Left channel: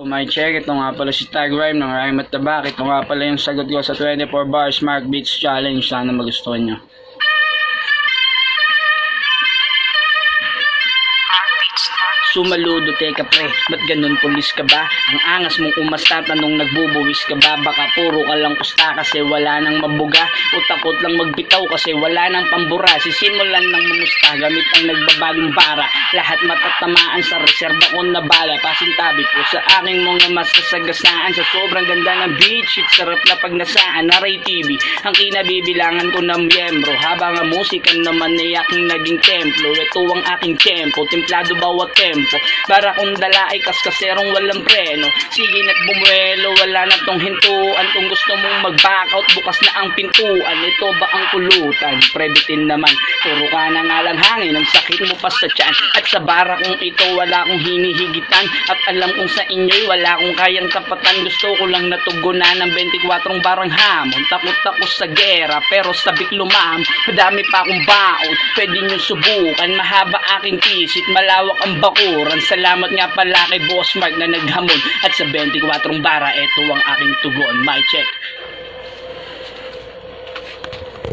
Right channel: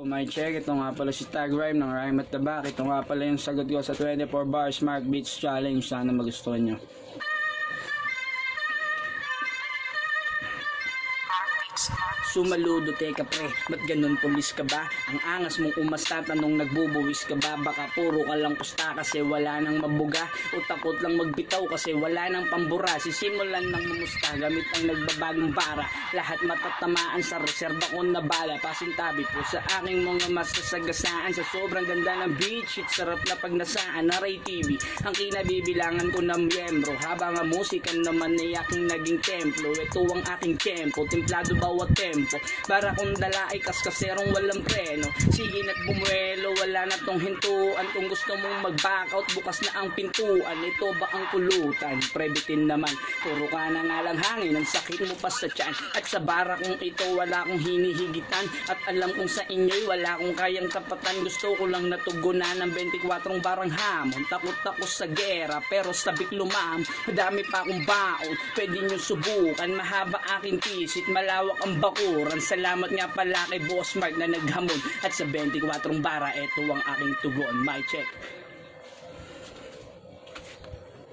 My check, ito nga pala si Tag Rhyme ng Rhyme at Tabak. Ito nga pala yung sagot ko sa 24 Bar Smart Beats Challenge. Sana magustuhan nyo. Sumaludo, teka pre, ba't ganun pulis ka ba? Ang angas mong umasta, tanong nagbubuwis ka ba? Baka puro ka lang kusta kasi wala nang mabuga, o takot lang magbitaw kasi wala nang pambura. Sisimulan ng mumusta gamit ang nagbabagong bara. Lahat matatamaan sa reserba ko na bala. Pasintabi po sa aking mga masasagasaan. Sa sobrang ganda ng beat shit, sarap na pagnasaan. Naray TV, ang kinabibilangan ko ng miyembro, habang ang musika naman ay aking naging templo. Ito ang aking tempo, templado bawat tempo. Para kung dala ay kaskaserong walang preno. Sige na't bumuelo, wala na tong hintuan. Kung gusto mong mag-back out, bukas na ang pintuan. Ito ba ang kulutan? Prebitin naman, puro ka na nga lang hangin. Ang sakit mo pa sa tiyan. At sa bara kong ito, wala kong hinihigitan. At alam kong sa inyo'y wala kong kayang tapatan. Gusto ko lang natugunan ng 24 barang hamon. Takot ako sa gera, pero sabik lumam. Madami pa akong baon, pwede nyo subukan. Mahaba aking pisit, malawak ang bakuran. Salamat nga pala kay Boss Mark na naghamon. At sa 24 bara, eto ang aking tugon. My check.